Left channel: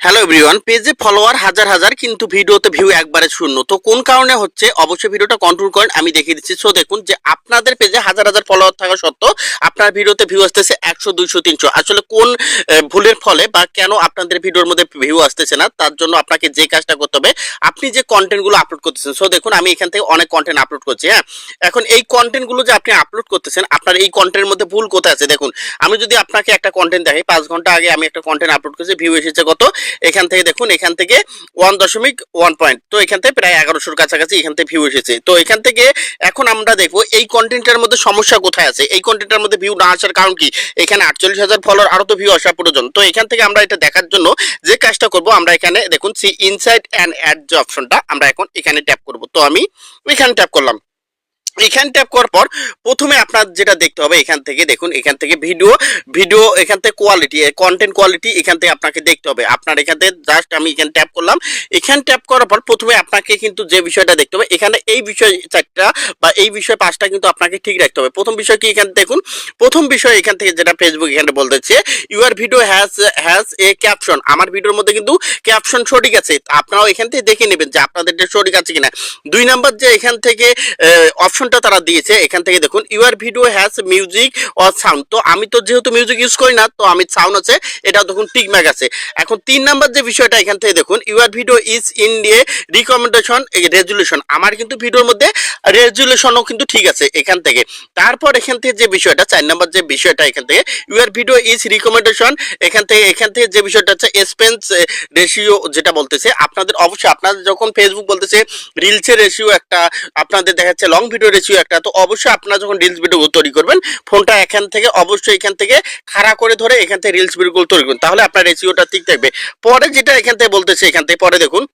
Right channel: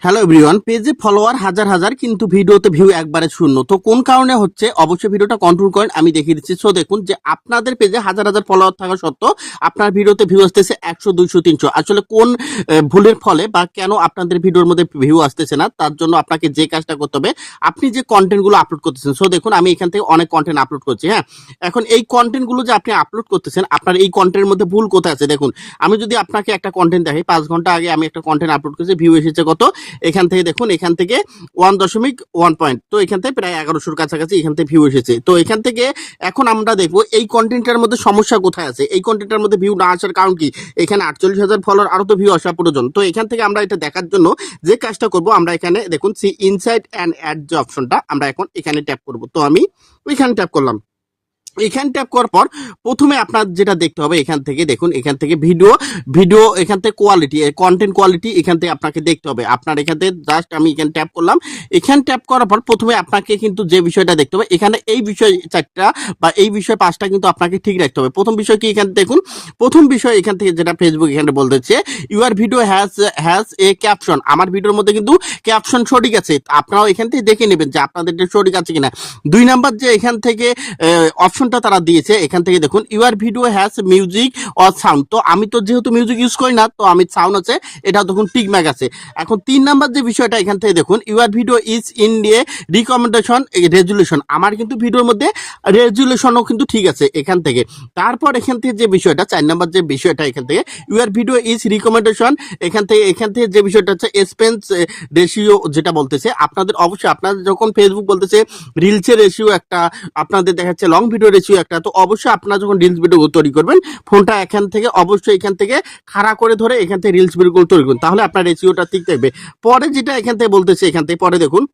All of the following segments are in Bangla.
হ্যালো এভরিওয়ান পেজে ফলোয়ার হাজার হাজার, কিন্তু ভিডিওতে ভিউ একবারে শূন্য। তো কোন কারণে হচ্ছে? অবশ্যই ভিডিওটা কন্ট্রোল করেন, আমি দেখিয়ে দিচ্ছি। সো দেখুন যে আপনাদের পেজে হাজার হাজার ফলোয়ার থাকা সত্ত্বেও আপনার ভিডিওতে ভিউ আসতেছে একশো, দুইশো, তিনশো। আসলে কোন ভুলের ফলে বা কেন আপনাদের ভিডিওর মধ্যে ভিউ আসতেছে না, তার জন্য আপনাকে যে কাজটা করতে হবে, আপনি যে কন্টেন্টগুলো আপলোড করতেছেন। সো দেখুন, আমি এখান থেকে অনেক কন্টেন্ট আপলোড করছি হ্যাঁ? এখন এই কন্টেন্টগুলো যে আপনি আপলোড করতেছেন, আপনার এই কন্টেন্টের মধ্যে ভুল কোথায় আছে? দেখুন, আমি যদি আপনাকে একটা কন্টেন্ট দেখাই, পাঁচ ঘণ্টা আগে আমি একটা কন্টেন্ট আপলোড করেছি ভিউ এসেছে কত? এখান থেকে দেখুন, এখান থেকে ওয়ান দশমিক ওয়ান পয়েন্ট তো এখান থেকে প্রায় এগারোশোর কাছাকাছি এখান থেকে ভিউ এসেছে। তো এখান থেকে এখন আমরা দেখব, এই কন্টেন্টের মধ্যে সমস্যা কোথায় আছে? এই কন্টেন্টের মধ্যে ভিউ না আসার কারণ কি? এখানে আটচল্লিশ হাজার ফলোয়ার আরও তো ভিউ আসা প্রয়োজন তো এখান থেকে আমরা এটা দেখার জন্য যে কাজটা করব, আমরা এখানে দেখুন সি ইনসাইড অ্যান্ড অ্যাড যে অপশনটা আমরা এখন এখানে ট্যাপ করব। তো আমি এখানে ট্যাপ করলাম। এখানে ট্যাপ করার পর প্রথমে আপনার যেটা দেখতে হবে এখান থেকে দেখুন, এখান থেকে ভিডিও ভিডিও এখান থেকে কোয়ালিটি কন্টেন্ট কোয়ালিটি এখান থেকে আপনাকে দেখতে হবে। আপনার এখান থেকে জাস্ট আমি এখানে ট্যাপ করলাম। এখানে ট্যাপ করার পর প্রথমে আপনাকে কিন্তু যে বিষয়টা দেখতে হবে, এখানে এই বিষয় চারটা বা এই বিষয় পাঁচটা কিন্তু আপনাকে ঠিক রাখতে হবে। প্রথম বিষয় কি এখানে দেখুন, প্রথম বিষয় এখান থেকে যেটা ফেসবুক এখানে বলতেছে your video has has a caption আমার ভিডিওর মধ্যে কিন্তু ক্যাপশন সঠিক আছে। আপনারাও এখান থেকে দেখে নেবেন যে আপনাদের সঠিক আছে কিনা। দুই নাম্বার যে এখান থেকে অপশনটা তারা দিয়েছে। এখান থেকে দেখুন your video has music or sound. তো আমি তো যেহেতু মিউজিক ইউজ করি না, তো আমি সাউন্ড আছে এটা দেখুন টিকম্যাক আছে। এখন তিন নাম্বার যে বিষয়টা, এখান থেকে দেখুন ইউর ভিডিও ইজ ইন দিয়ে রিকমেন্ডেশন রেজুলেশন। আমার কিন্তু ভিডিওর মধ্যে রেজুলেশনও কিন্তু ঠিক আছে এখান থেকে। তারপর এখান থেকে যে বিষয়টা, চার নাম্বার যে বিষয়টা, এখান থেকে ইউর ভিডিও ইজ রিকমেন্ডেশন। এখান থেকে এখান থেকে যে বিষয়টা হচ্ছে, এক্সপেন্স রেশিও, যেটা বলতেছে। আপনাদের অবশ্যই, আপনাদের যখন ফেসবুক বলতেছে, রিলসের রেশিও একটা, আপনাদের দেখা যাচ্ছে লং ভিডিও রেশিও একটা। তো অবশ্যই আপনারা যখন রিলস ভিডিও তৈরি করবেন, ফোনটা এখান থেকে, অবশ্যই এখান থেকে খাড়া করে ধরে এখান থেকে রিলস ভিডিও তৈরি করুন। তাহলে আপনার রেশিওটা ঠিক থাকবে। পরে যেটা এখান থেকে বলতেছে, এখান থেকে পরে দেখুন।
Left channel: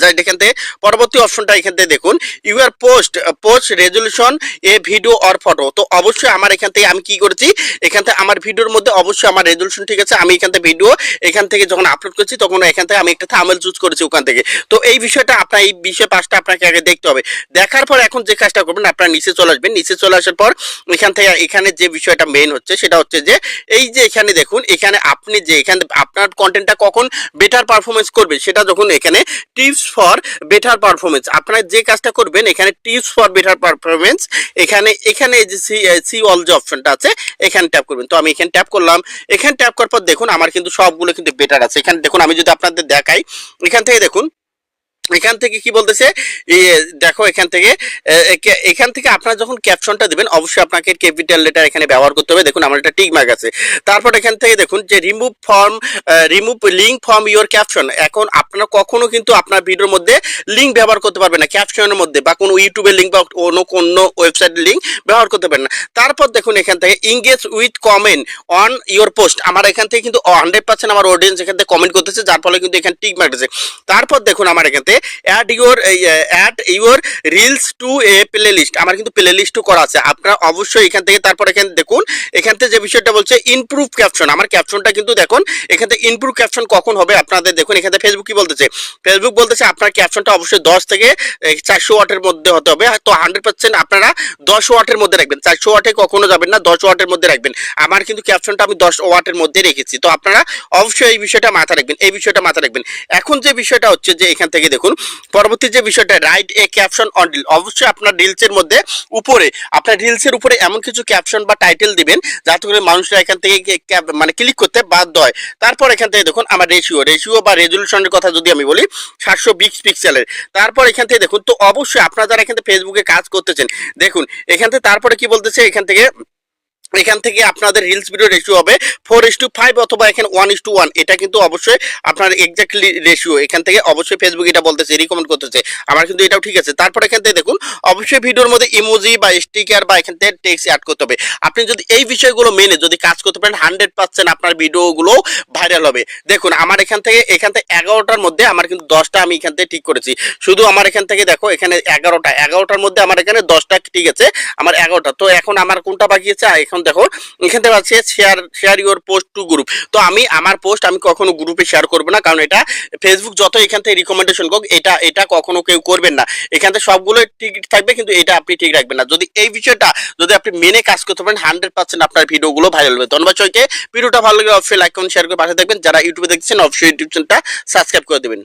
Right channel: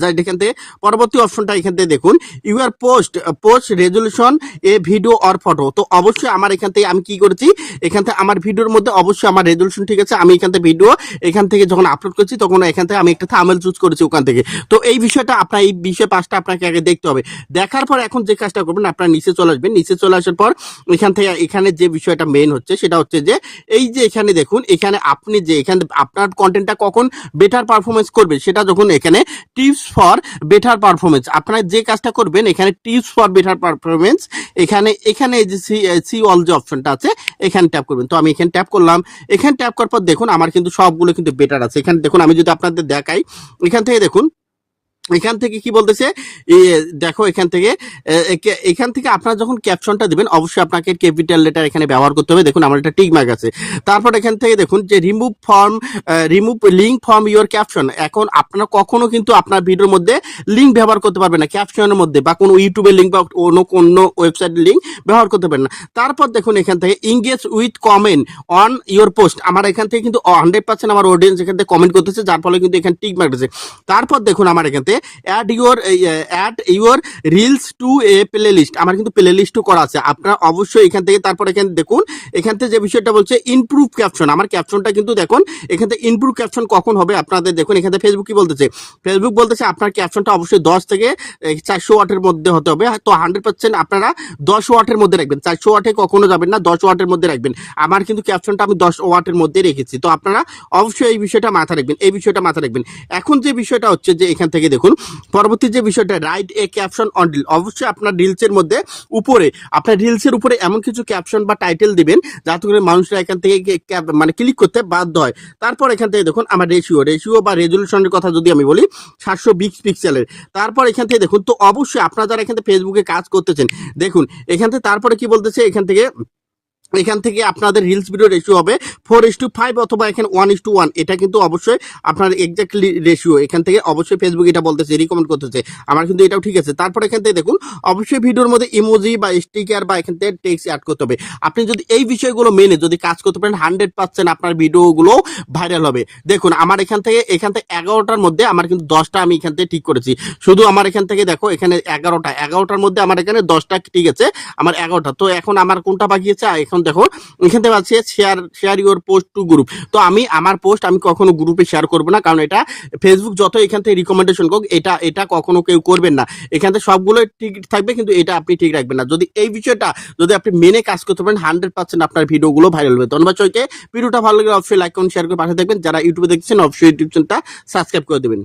যাই এখান থেকে পরবর্তী অপশনটা এখান থেকে দেখুন। Your post post resolution a video or photo তো অবশ্যই আমার এখান থেকে আমি কি করেছি? এখান থেকে আমার ভিডিওর মধ্যে অবশ্যই আমার রেজলিউশন ঠিক আছে। আমি এখান থেকে ভিডিও এখান থেকে যখন আপলোড করছি, তখন এখান থেকে আমি একটা থামেল চুজ করেছি ওখান থেকে। তো এই বিষয়টা আপনার, এই বিষয় পাঁচটা আপনাকে আগে দেখতে হবে। দেখার পর এখন যে কাজটা করবেন, আপনার নিচে চলে আসবেন। নিচে চলে আসার পর এখান থেকে এখানে যে বিষয়টা মেইন হচ্ছে, সেটা হচ্ছে যে এই যে এখানে দেখুন, এখানে আপনি যে এখানে, আপনার কন্টেন্টটা কখন বেটার পারফরমেন্স করবে, সেটা যখন এখানে টিপস ফর বেটার পারফরমেন্স আপনারা যে কাজটা করবেন, এখানে টিপস ফর বেটার পারফরমেন্স এখানে এখানে যে সি সি অল যে অপশনটা আছে, এখানে ট্যাপ করবেন। তো আমি এখানে ট্যাপ করলাম। এখানে ট্যাপ করার পর দেখুন, আমার কিন্তু সবগুলো কিন্তু বেটার আছে। এখানে দেখুন, আমি যদি আপনাদের দেখাই, এখান থেকে দেখুন এখান থেকে কি বলতেছে? দেখো এখান থেকে এখান থেকে আপনারা যখন ক্যাপশনটা দেবেন, অবশ্যই আপনাকে ক্যাপিটাল লেটার এখানে ব্যবহার করতে হবে। দেখুন, আমার একটা টিক মার্ক আছে। তারপর এখান থেকে দেখুন যে remove from remove link from your caption এখন আপনারা কখনো কিন্তু আপনার ভিডিওর মধ্যে লিঙ্ক ব্যবহার করতে পারবেন না ক্যাপশনের মধ্যে বা কোনো ইউটিউবের লিঙ্ক বা অন্য কোনো ওয়েবসাইটের লিঙ্ক ব্যবহার করতে পারেন না। তারপর দেখুন এখান থেকে engage with comment on your post আমার এখান থেকে কিন্তু হান্ড্রেড পার্সেন্ট আমার অডিয়েন্স এখান থেকে কমেন্ট করতেছে, যার ফলে কিন্তু এখানে টিক মার্ক আছে। তারপর দেখুন আমার এখান থেকে add your add your reels to a playlist আমার কিন্তু প্লে লিস্টও করা আছে। আপনার অবশ্যই এখান থেকে তারপর এখানে দেখুন, এখান থেকে যে বিষয়টা বলছে ইমপ্রুভ ক্যাপশন আমার ক্যাপশনটা কিন্তু দেখুন, এখান থেকে ইমপ্রুভ ক্যাপশন কখন হবে আপনাদের দেখুন, এখান থেকে ফেসবুক কি বলতেছে? ফেসবুক বলতেছে আপনার ক্যাপশনটা অবশ্যই দশ থেকে চারশো ওয়াটের মধ্যে হতে হবে। তো হান্ড্রেড পার্সেন্ট আপনারা দশ ওয়াটের মধ্যে রাখবেন। চারশো ওয়াটে কখনো যাবেন না, দশ ওয়াটের মধ্যে রাখবেন। আমার কিন্তু ক্যাপশনটা আমি দশ ওয়াটের মধ্যে রেখেছি। তো আপনারা অবশ্যই এই বিষয়টা মাথা রাখবেন, এই বিষয়টা মাথা রাখবেন। এখন যে বিষয়টা হচ্ছে যে এখান থেকে দেখুন পরবর্তী যে বিষয়টা write a caption on deal অবশ্যই আপনার রিলসের মধ্যে উপরে, আপনার রিলসের উপরে এমন কিছু ক্যাপশন বা টাইটেল দিবেন, যাতে করে মানুষরা এখান থেকে মানে ক্লিক করতে বাধ্য হয়। তারপর এখান থেকে দেখুন, আমার রেশিও রেশিও বা রেজলিউশনের কথা যদি আমি বলি, সাতশো বিশ পিক্সেলের তারপর এখান থেকে দেখুন, তো অবশ্যই আপনারা যারা এখান থেকে ফেসবুকে কাজ করতেছেন, দেখুন, এখান থেকে তারপরে কি বলতেছে? এখান থেকে এখান থেকে আপনাদের রিলস ভিডিও রেশিও হবে ফোর ইস টু ফাইভ অথবা এখানে ওয়ান ইস টু ওয়ান এটা কিন্তু অবশ্যই আপনার এক্স্যাক্টলি রেশিও এখান থেকে অবশ্যই ফেসবুক এটা বলতেছে রিকমেন্ড করতেছে, আমার কিন্তু এটাও ঠিক আছে। তারপর এখান থেকে দেখুন, অবশ্যই ভিডিওর মধ্যে ইমোজি বা স্টিকার বা এখান থেকে টেক্সট অ্যাড করতে হবে। আপনি যদি এই বিষয়গুলো মেনে যদি কাজ করতে পারেন হান্ড্রেড পার্সেন্ট আপনার ভিডিওগুলো ভাইরাল হবে। দেখুন, আমার এখান থেকে এখান থেকে এগারোটার মধ্যে আমার কিন্তু দশটা আমি এখান থেকে ঠিক করেছি। শুধু আমার এখান থেকে দেখো, এখানে এগারোটা, এগারোটার মধ্যে আমার এখানে দশটা ঠিক আছে, আমার এগারোটা। তো এখন আমার কোনটা বাকি আছে? এখন দেখো, এখান থেকে আছে share share your post to group তো আমি, আমার পোস্ট আমি কখনো গ্রুপে শেয়ার করব না, কারণ এটা ফেসবুক যত এখান থেকে রিকমেন্ডেশন হোক এটা এটা কখনো কেউ করবেন না। এখান থেকে সবগুলো ঠিক থাকবে, কিন্তু এটা আপনি ঠিক রাখবেন না। যদি এই বিষয়টা, যদি আপনি মেনে কাজ করতে পারেন হান্ড্রেড পার্সেন্ট আপনার ভিডিওগুলো ভাইরাল হবে। ধন্যবাদ সবাইকে। ভিডিওটা ভালো লাগলে অবশ্যই লাইক করুন শেয়ার করে পাশে থাকবেন। যারা ইউটিউবে দেখছেন, অবশ্যই ইউটিউব চ্যানেলটা সাবস্ক্রাইব করে দেবেন।